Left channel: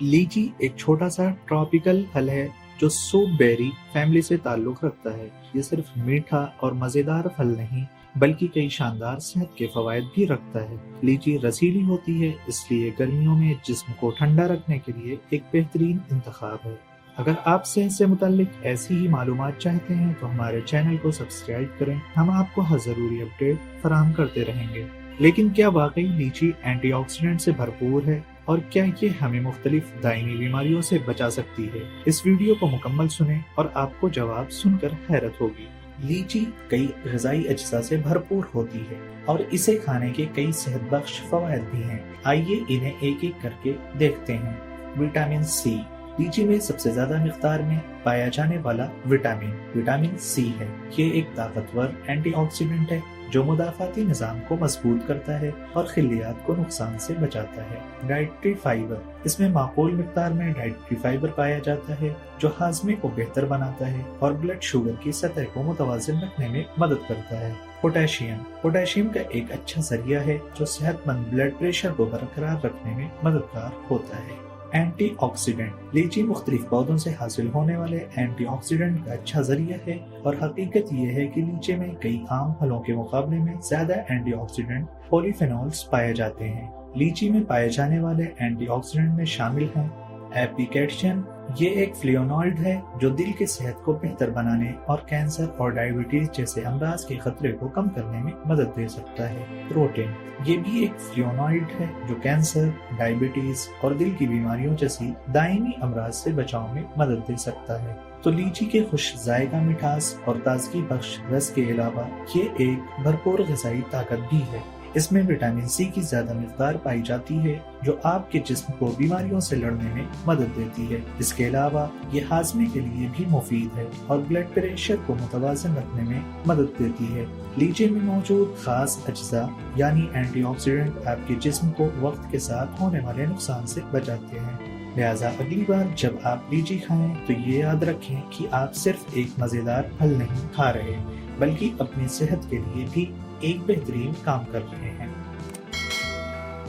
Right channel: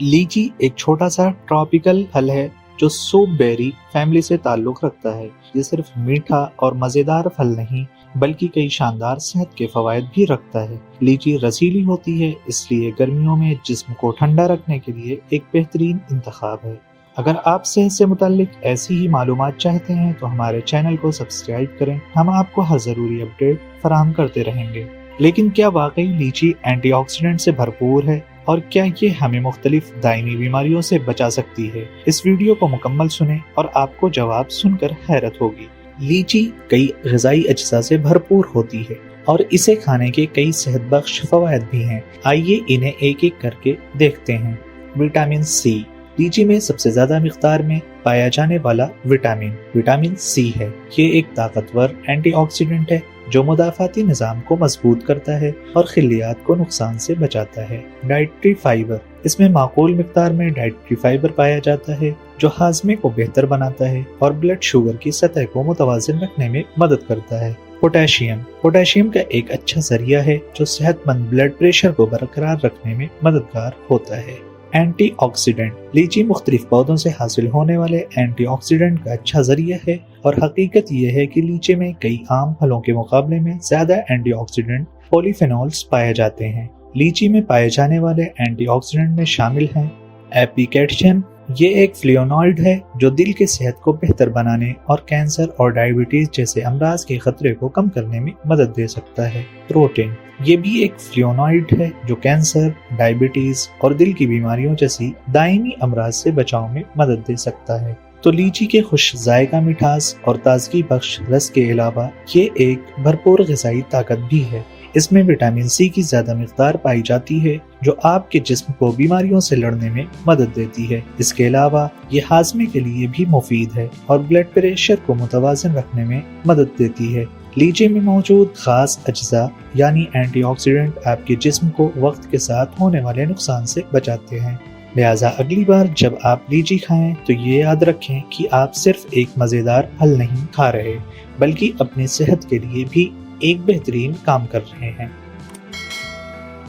लीची एक छोटा सा ट्रॉपिकल फल है जो सूप बेरी फैमिली से ताल्लुक रखता है। ये सिर्फ मीठा और मजेदार फल नहीं बल्कि कई शानदार सेहत के फवायद भी रखता है। लीची रसीली होती है, इसलिए गर्मियों में जिस्म को ठंडा रखने के लिए एक बेहतरीन इंतखाब है। अगर आप सेहत से मुताल्लिक ऐसी ही मालूमात चाहते हैं तो हमारे चैनल को सब्सक्राइब करें। हम आपको हर जरूरी अपडेट फराहम करते रहेंगे। लेकिन क्या वाकई लीची एंटीऑक्सीडेंट से भरपूर है और क्या ये हमें मुख्तलिफ दायमी बीमारियों से बचा सकती है? इस वीडियो को मुकम्मल सुनें और आपको जवाब सुनकर हैरत होगी। लीची कई ग़िज़ाई अज्जा से भरपूर होती है और इसे खाने के कई सेहत बख्श फवायद भी हैं। आइए इन्हें एक एक करके देखते हैं। Vitamin C. लीची में सबसे ज्यादा मिकदार में पाया जाने वाला विटामिन सी है। ये एक ताकतवर एंटीऑक्सीडेंट है जो मुदाफ़ाती निज़ाम को मजबूत करता है और खिलियात को नुकसान से बचाता है। Dietary fibre. इसमें माकूल मिकदार में डाइटरी फाइबर पाया जाता है जो हाजमे को बेहतर बनाता है और ब्लड शुगर की सतह को मुतवाज़िन रखने में मदद करता है। पोटेशियम का एक अच्छा जरिया है जो सेहतमंद ब्लड प्रेशर को बरकरार रखने में मददगार होता है। एंटीऑक्सीडेंट। लीची मुख्तलिफ पौधों से हासिल होने वाले एंटीऑक्सीडेंट का अच्छा जरिया है और हकीकत यह है कि लीची में कई आम फलों के मुकाबले में ज्यादा एंटीऑक्सीडेंट पॉलीफेनॉल्स पाए जाते हैं। लीची में पाए जाने वाले एंटीऑक्सीडेंट में शामिल हैं एपिकैक्शियम। ये एक फ्लेवोनॉइड है जो दिल की सेहत को बेहतर बनाने और कैंसर और डायबिटीज जैसे अमराज के खतरे को कम करने में मदद दे सकता है। प्रोटीन। ये भी एक फ्लेवोनॉइड है जो कैंसर, डायबिटीज और दिल की बीमारियों जैसी दायमी अमराज से बचाव में मदद दे सकता है। तो लीची के खुश जायका मिठास और ताजगी बख्श रस के अलावा ये एक भरपूर ग़िज़ाई ताकत भी है। इसमें विटामिन सी की ज्यादा मिकदार पाई जाती है जो आपके जिस्म को बीमारियों से लड़ने में मदद देती है। इसके अलावा ये हाजमे के लिए भी मुफीद है और ब्लड प्रेशर को मुतवाज़िन रखने में मदद देती है। लीची में मौजूद खास अज्जा यानी एंटीऑक्सीडेंट आपके जिस्म को वक्त के साथ होने वाले नुकसान से बचाते हैं। लिहाजा अगली बार जब आप लीची खाएं तो ये याद रखें कि आप सिर्फ एक मजेदार फल नहीं खा रहे बल्कि अपनी सेहत के लिए भी एक बेहतरीन काम कर रहे हैं।